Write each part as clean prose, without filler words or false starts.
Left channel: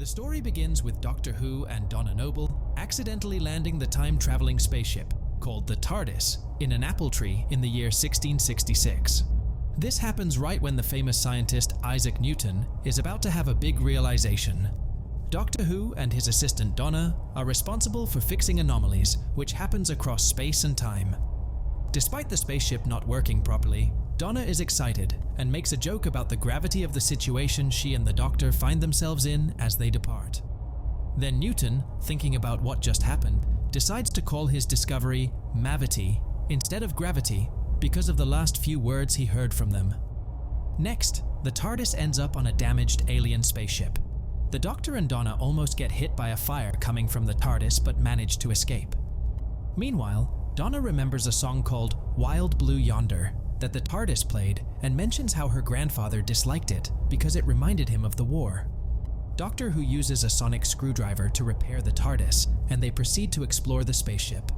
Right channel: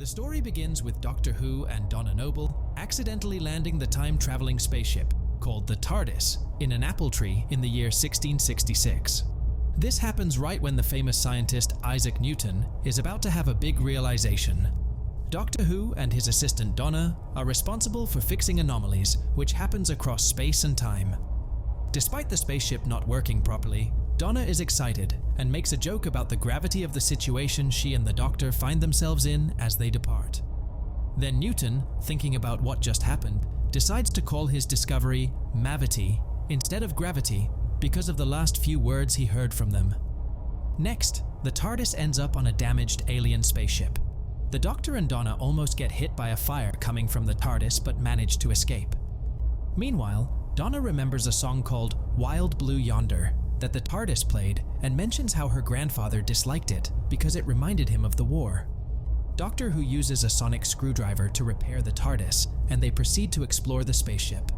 The story begins with Doctor Who and Donna Noble accidentally landing the time-traveling spaceship, called the TARDIS, in an apple tree in the year 1666. This happens right when the famous scientist Isaac Newton is about to have a big realization. Doctor Who and his assistant Donna are responsible for fixing anomalies which happens across space and time. Despite the spaceship not working properly, Donna is excited and makes a joke about the gravity of the situation she and the Doctor find themselves in as they depart. Then Newton, thinking about what just happened, decides to call his discovery Mavity instead of gravity because of the last few words he heard from them. Next, the TARDIS ends up on a damaged alien spaceship. The Doctor and Donna almost get hit by a fire coming from the TARDIS but manage to escape. Meanwhile, Donna remembers a song called Wild Blue Yonder that the TARDIS played and mentions how her grandfather disliked it because it reminded him of the war. Doctor Who uses a sonic screwdriver to repair the TARDIS, and they proceed to explore the spaceship.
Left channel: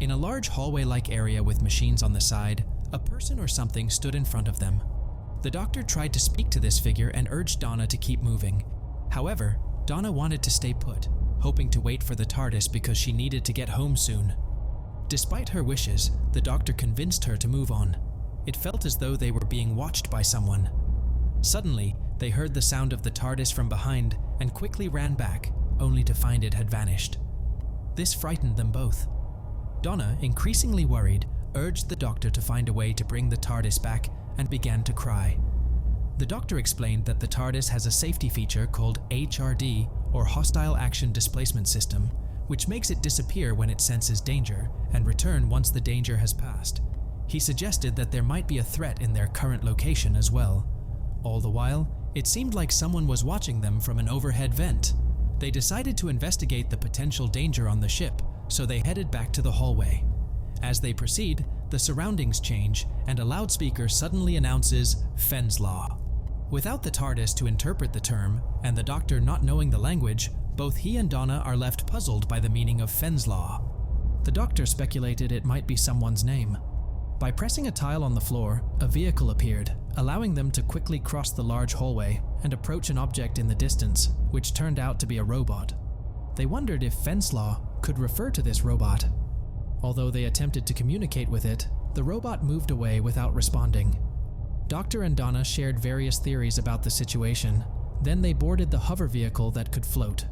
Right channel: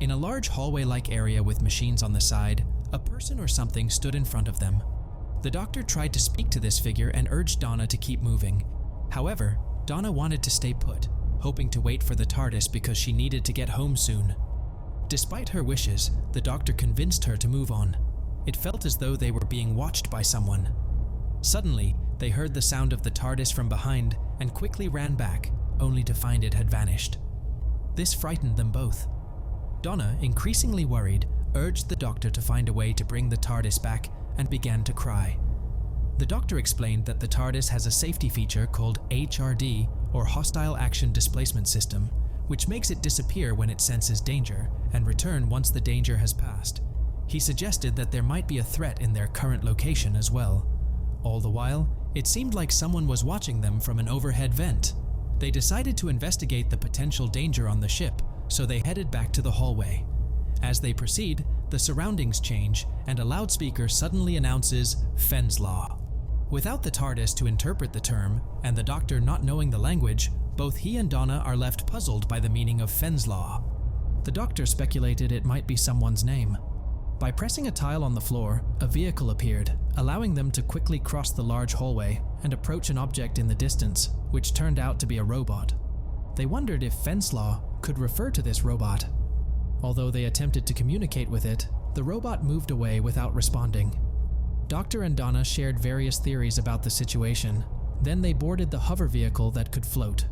In a large hallway-like area with machines on the side, a person or something stood in front of them. The Doctor tried to speak to this figure and urged Donna to keep moving. However, Donna wanted to stay put, hoping to wait for the TARDIS because she needed to get home soon. Despite her wishes, the Doctor convinced her to move on. It felt as though they were being watched by someone. Suddenly, they heard the sound of the TARDIS from behind and quickly ran back, only to find it had vanished. This frightened them both. Donna, increasingly worried, urged the Doctor to find a way to bring the TARDIS back and began to cry. The Doctor explained that the TARDIS has a safety feature called HRD, or Hostile Action Displacement System, which makes it disappear when it senses danger and return once the danger has passed. He suggested that there might be a threat in their current location as well. All the while, it seemed like someone was watching them from an overhead vent. They decided to investigate the potential danger on the ship, so they headed back to the hallway. As they proceed, the surroundings change and a loudspeaker suddenly announces Fenn's Law. Without the TARDIS to interpret the term, and the Doctor not knowing the language, both he and Donna are left puzzled by the meaning of Fenn's Law. The Doctor speculated it might be someone's name. By pressing a tile on the floor, a vehicle appeared, allowing them to quickly cross the large hallway and approach an object in the distance, which turned out to be a robot. They wondered if Fenn's Law could refer to this robot. Although they attempted to communicate with it, the robot moved away without responding. Doctor and Donna shared various theories about the situation. Then they boarded the hover vehicle that could float.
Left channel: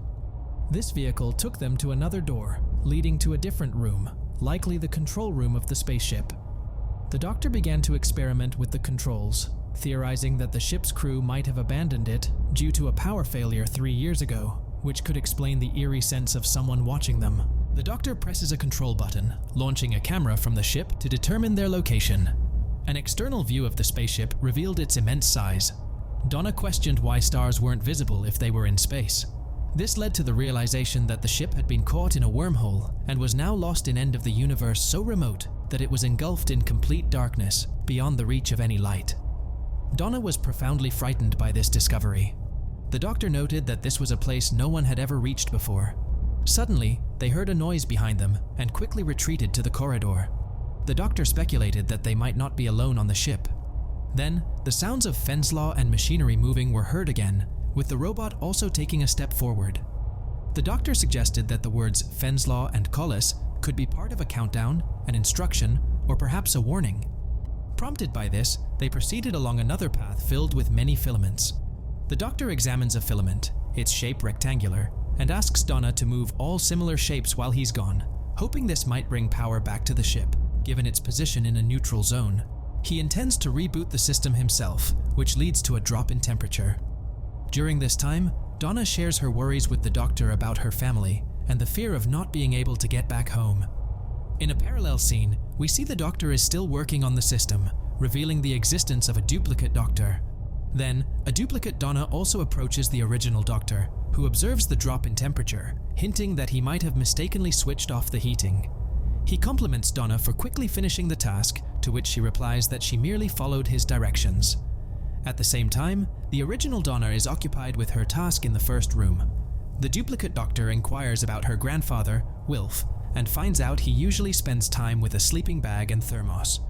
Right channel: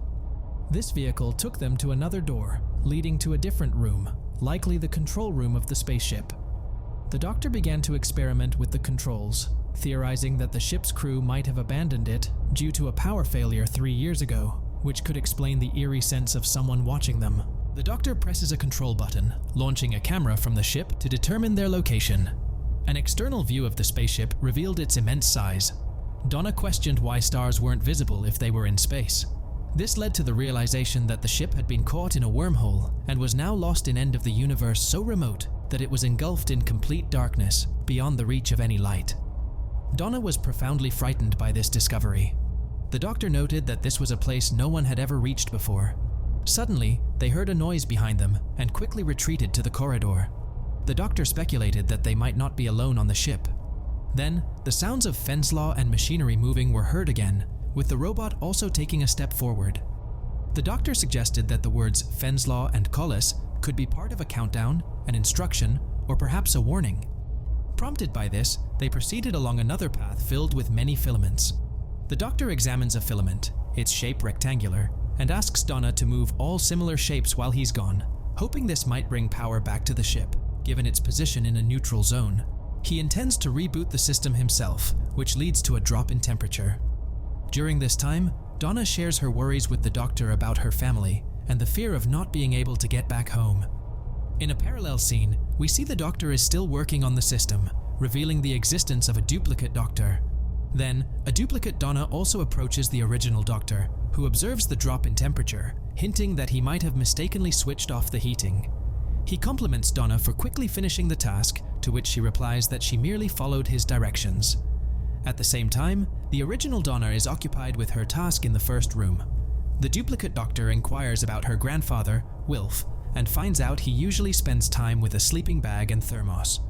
This vehicle took them to another door, leading to a different room, likely the control room of the spaceship. The Doctor began to experiment with the controls, theorizing that the ship's crew might have abandoned it due to a power failure 3 years ago, which could explain the eerie sense of someone watching them. The Doctor presses a control button, launching a camera from the ship to determine their location. An external view of the spaceship revealed its immense size. Donna questioned why stars weren't visible if they were in space. This led to the realization that the ship had been caught in a wormhole and was now lost in end of the universe so remote that it was engulfed in complete darkness, beyond the reach of any light. Donna was profoundly frightened by this discovery. The Doctor noted that this was a place no one had ever reached before. Suddenly, they heard a noise behind them and quickly retreated to the corridor. The Doctor speculated that they might not be alone on the ship. Then, the sounds of Fenn's Law and machinery moving were heard again, with the robot also taking a step forward. The Doctor suggested that the words Fenn's Law and Collis could be part of a countdown, an instruction, or perhaps a warning. Prompted by this, they proceeded along another path filled with many filaments. The Doctor examines a filament, its shape rectangular, and asks Donna to move all similar shapes while he's gone, hoping this might bring power back to the ship, given its position in a neutral zone. He intends to reboot the system himself, which leads to a drop in temperature. During this time, Donna shares her worries with the Doctor about her family and the fear of not being able to get back home. In a parallel scene, we see the Doctor is still working on the system, revealing the existence of a duplicate Doctor. Then, a duplicate Donna also approaches the original Doctor, who observes the drop in temperature, hinting that he might have mistakenly switched off the heating. He compliments Donna for quickly finishing the task, to which she replies that she merely followed his directions. At the same time, the original Donna is occupied with her task in the first room. The duplicate Doctor inquires about her grandfather, Wilf, and finds out he usually spends time with a sleeping bag and thermos.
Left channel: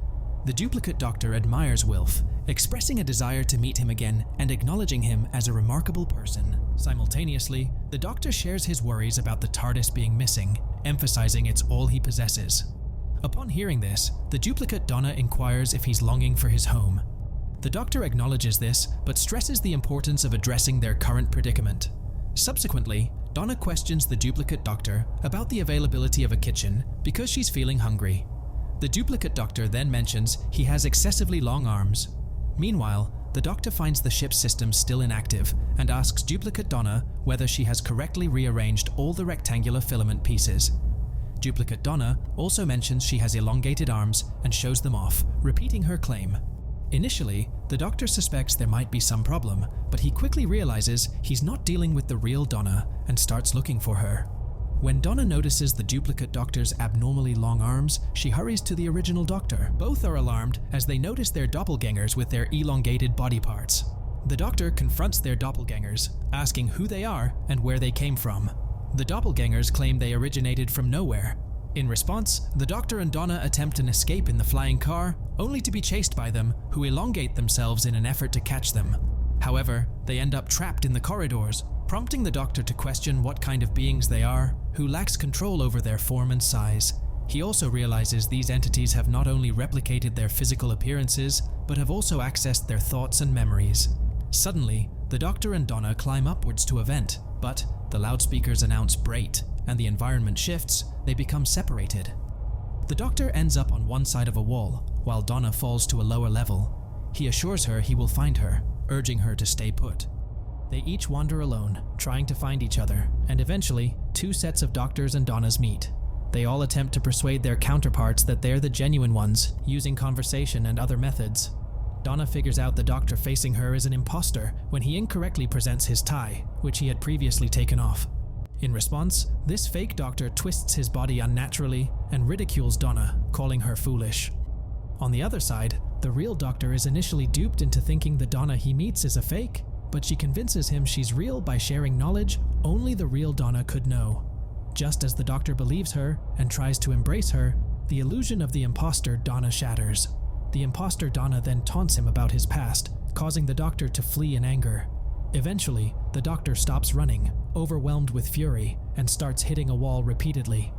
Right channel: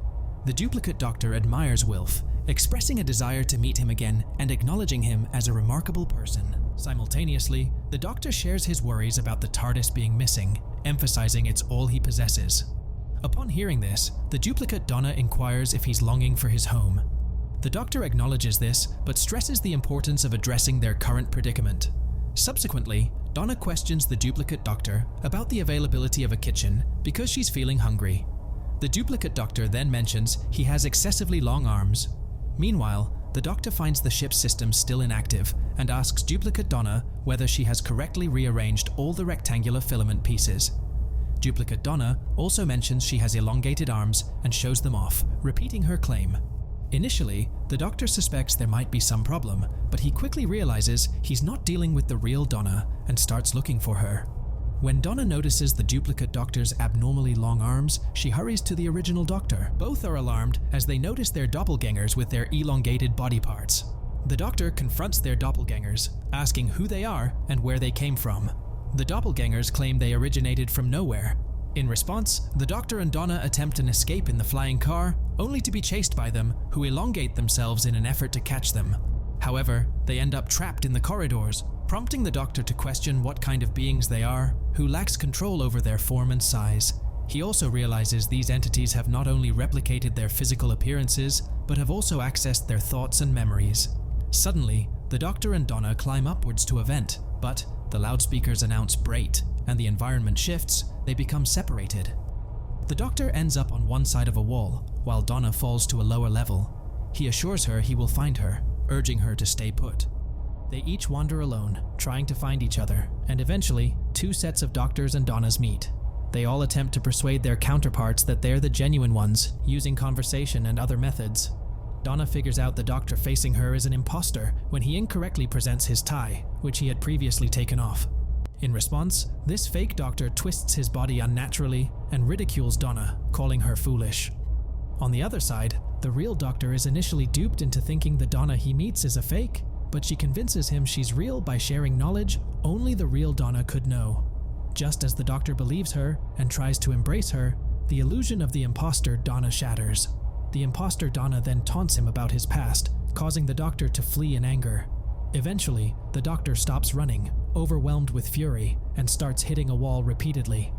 The duplicate doctor admires Wilf, expressing a desire to meet him again and acknowledging him as a remarkable person. Simultaneously, the doctor shares his worries about the TARDIS being missing, emphasizing it's all he possesses. Upon hearing this, the duplicate Donna inquires if he's longing for his home. The doctor acknowledges this, but stresses the importance of addressing their current predicament. Subsequently, Donna questions the duplicate doctor about the availability of a kitchen because she's feeling hungry. The duplicate doctor then mentions he has excessively long arms. Meanwhile, the doctor finds the ship's systems still inactive and asks duplicate Donna whether she has correctly rearranged all the rectangular filament pieces. Duplicate Donna also mentions she has elongated arms and shows them off, repeating her claim. Initially, the doctor suspects there might be some problem, but he quickly realizes he's not dealing with the real Donna and starts looking for her. When Donna notices the duplicate doctor's abnormally long arms, she hurries to the original doctor. Both are alarmed as they notice their doppelgangers with their elongated body parts. The doctor confronts their doppelgangers, asking who they are and where they came from. The doppelgangers claim they originated from nowhere. In response, the doctor and Donna attempt an escape in the flying car, only to be chased by them, who elongate themselves in an effort to catch them. However, they end up trapped in the corridors, prompting the doctor to question what kind of beings they are, who lacks control over their form and size. He also realizes these entities have not only replicated their physical appearances, but have also accessed their thoughts and memories. Suddenly, the doctor and Donna climb upwards to a vent, but the loudspeakers announce Brait, and the environment shifts, they become separated. The doctor ends up on one side of a wall, while Donna falls to a lower level. He assures her he will find her, urging her to stay put. They each wander alone, trying to find each other, and eventually, two sets of doctors and Donnas meet. They all attempt to persuade their counterparts that they're the genuine ones, using conversation and other methods. Donna figures out the doctor facing her is an imposter when he incorrectly presents his tie, which he had previously taken off. In response, this fake doctor twists his body unnaturally and ridicules Donna, calling her foolish. On the other side, the real doctor is initially duped into thinking the Donna he meets is a fake, but she convinces him she's real by sharing knowledge only the real Donna could know. Just as the doctor believes her and tries to embrace her, the illusion of the imposter Donna shatters. The imposter Donna then taunts him about his past, causing the doctor to flee in anger. Eventually, the doctor stops running, overwhelmed with fury, and starts hitting a wall repeatedly.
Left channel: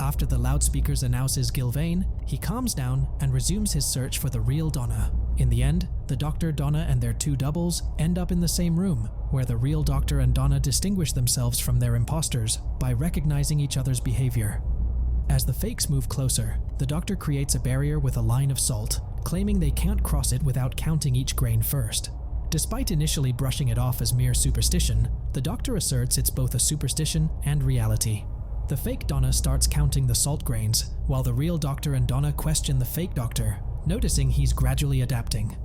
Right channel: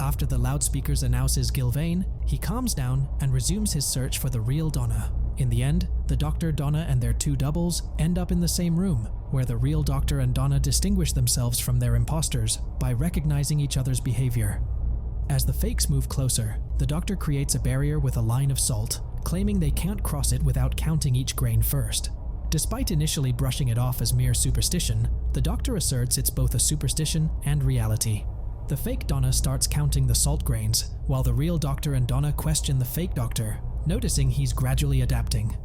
After the loudspeakers announces Gilvain, he calms down and resumes his search for the real Donna. In the end, the doctor, Donna, and their two doubles end up in the same room, where the real doctor and Donna distinguish themselves from their imposters by recognizing each other's behavior. As the fakes move closer, the doctor creates a barrier with a line of salt, claiming they can't cross it without counting each grain first. Despite initially brushing it off as mere superstition, the doctor asserts it's both a superstition and reality. The fake Donna starts counting the salt grains, while the real doctor and Donna question the fake doctor, noticing he's gradually adapting.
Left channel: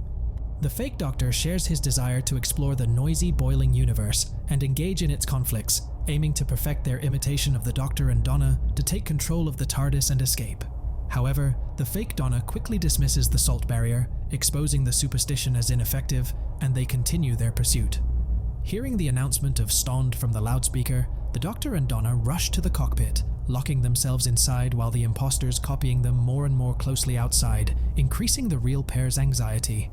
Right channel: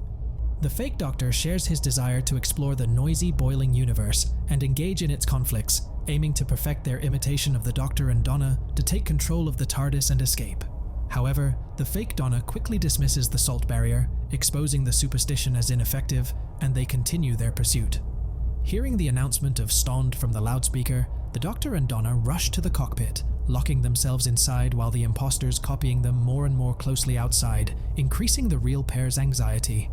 The fake doctor shares his desire to explore the noisy, boiling universe and engage in its conflicts, aiming to perfect their imitation of the doctor and Donna to take control of the TARDIS and escape. However, the fake Donna quickly dismisses the salt barrier, exposing the superstition as ineffective, and they continue their pursuit. Hearing the announcement of Stond from the loudspeaker, the doctor and Donna rush to the cockpit, locking themselves inside while the imposters copying them more and more closely outside, increasing the real pair's anxiety.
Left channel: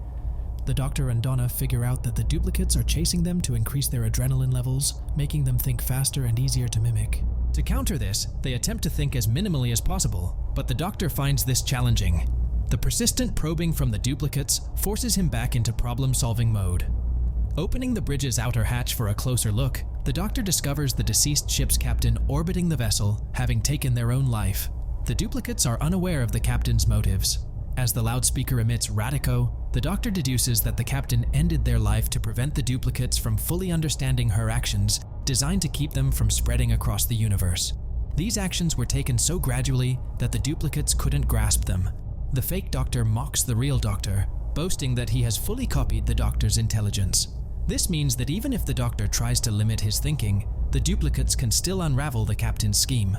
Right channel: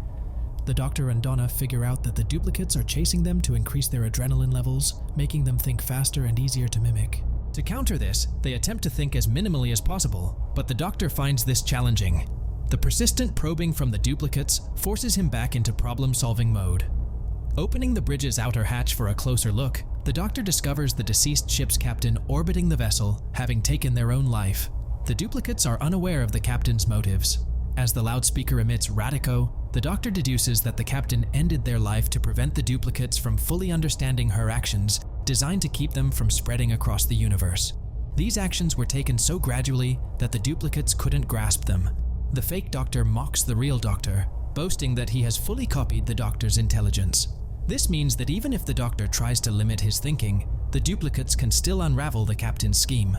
The doctor and Donna figure out that the duplicates are chasing them to increase their adrenaline levels, making them think faster and easier to mimic. To counter this, they attempt to think as minimally as possible, but the doctor finds this challenging. The persistent probing from the duplicates forces him back into problem-solving mode. Opening the bridge's outer hatch for a closer look, the doctor discovers the deceased ship's captain orbiting the vessel, having taken their own life. The duplicates are unaware of the captain's motives. As the loudspeaker emits Radico, the doctor deduces that the captain ended their life to prevent the duplicates from fully understanding her actions, designed to keep them from spreading across the universe. These actions were taken so gradually that the duplicates couldn't grasp them. The fake doctor mocks the real doctor, boasting that he has fully copied the doctor's intelligence. This means that even if the doctor tries to limit his thinking, the duplicates can still unravel the captain's scheme.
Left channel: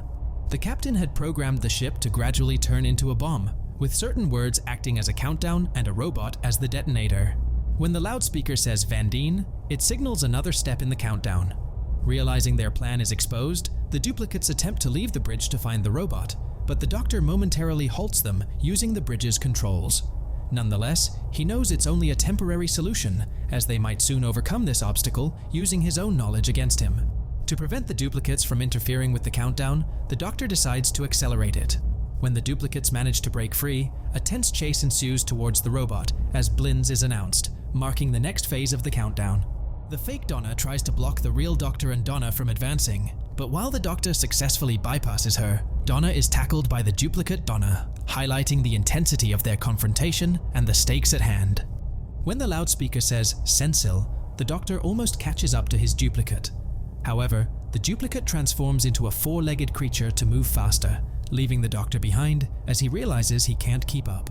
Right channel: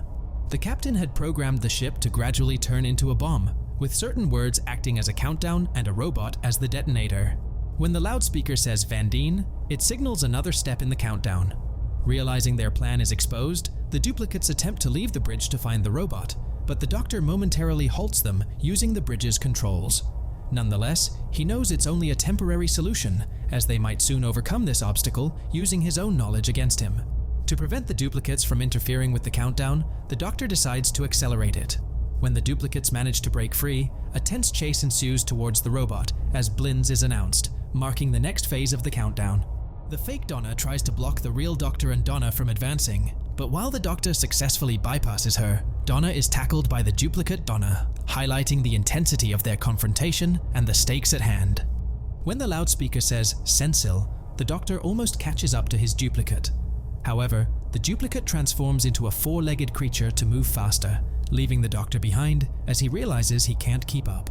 The captain had programmed the ship to gradually turn into a bomb, with certain words acting as a countdown and a robot as the detonator. When the loudspeaker says Vandine, it signals another step in the countdown. Realizing their plan is exposed, the duplicates attempt to leave the bridge to find the robot, but the doctor momentarily halts them using the bridge's controls. Nonetheless, he knows it's only a temporary solution, as they might soon overcome this obstacle using his own knowledge against him. To prevent the duplicates from interfering with the countdown, the Doctor decides to accelerate it. When the duplicates manage to break free, a tense chase ensues towards the robot as Blinz is announced, marking the next phase of the countdown. The fake Donna tries to block the real Doctor and Donna from advancing, but while the Doctor successfully bypasses her, Donna is tackled by the duplicate Donna, highlighting the intensity of their confrontation and the stakes at hand. When the loudspeaker says "Sensil," the Doctor almost catches up to his duplicate. However, the duplicate transforms into a four-legged creature to move faster, leaving the Doctor behind as he realizes he can't keep up.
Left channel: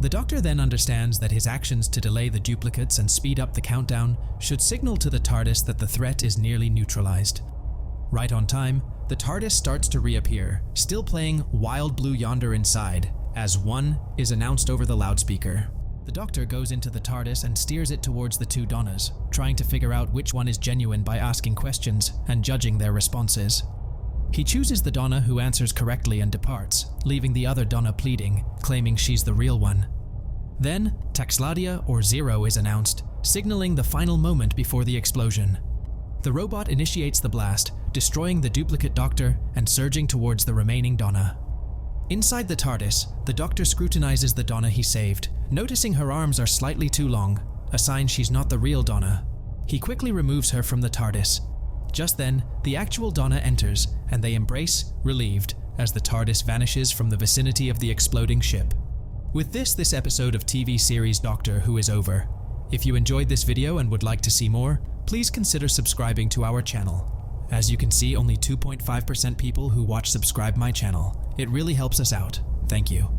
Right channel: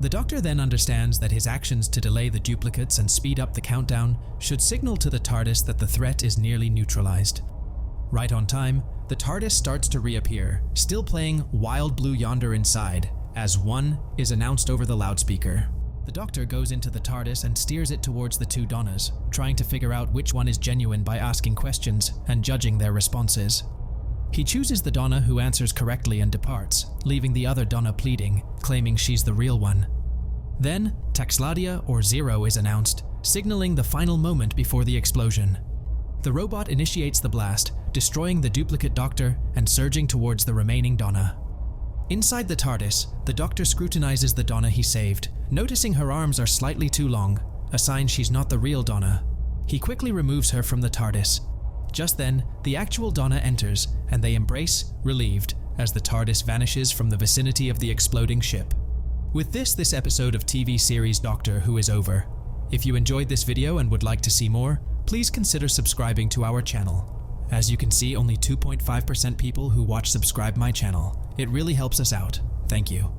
The Doctor then understands that his actions to delay the duplicates and speed up the countdown should signal to the TARDIS that the threat is nearly neutralized. Right on time, the TARDIS starts to reappear, still playing "Wild Blue Yonder" inside, as "1" is announced over the loudspeaker. The Doctor goes into the TARDIS and steers it towards the two Donnas, trying to figure out which one is genuine by asking questions and judging their responses. He chooses the Donna who answers correctly and departs, leaving the other Donna pleading, claiming she's the real one. Then, Taxladia or Zero is announced, signaling the final moment before the explosion. The robot initiates the blast, destroying the duplicate Doctor and surging towards the remaining Donna. Inside the TARDIS, the Doctor scrutinizes the Donna he saved, noticing her arms are slightly too long, a sign she's not the real Donna. He quickly removes her from the TARDIS. Just then, the actual Donna enters, and they embrace, relieved, as the TARDIS vanishes from the vicinity of the exploding ship. With this episode of TV series Doctor Who is over. If you enjoyed this video and would like to see more, please consider subscribing to our channel. As you can see, only 2.5% people who watch subscribe my channel. It really helps us out. Thank you.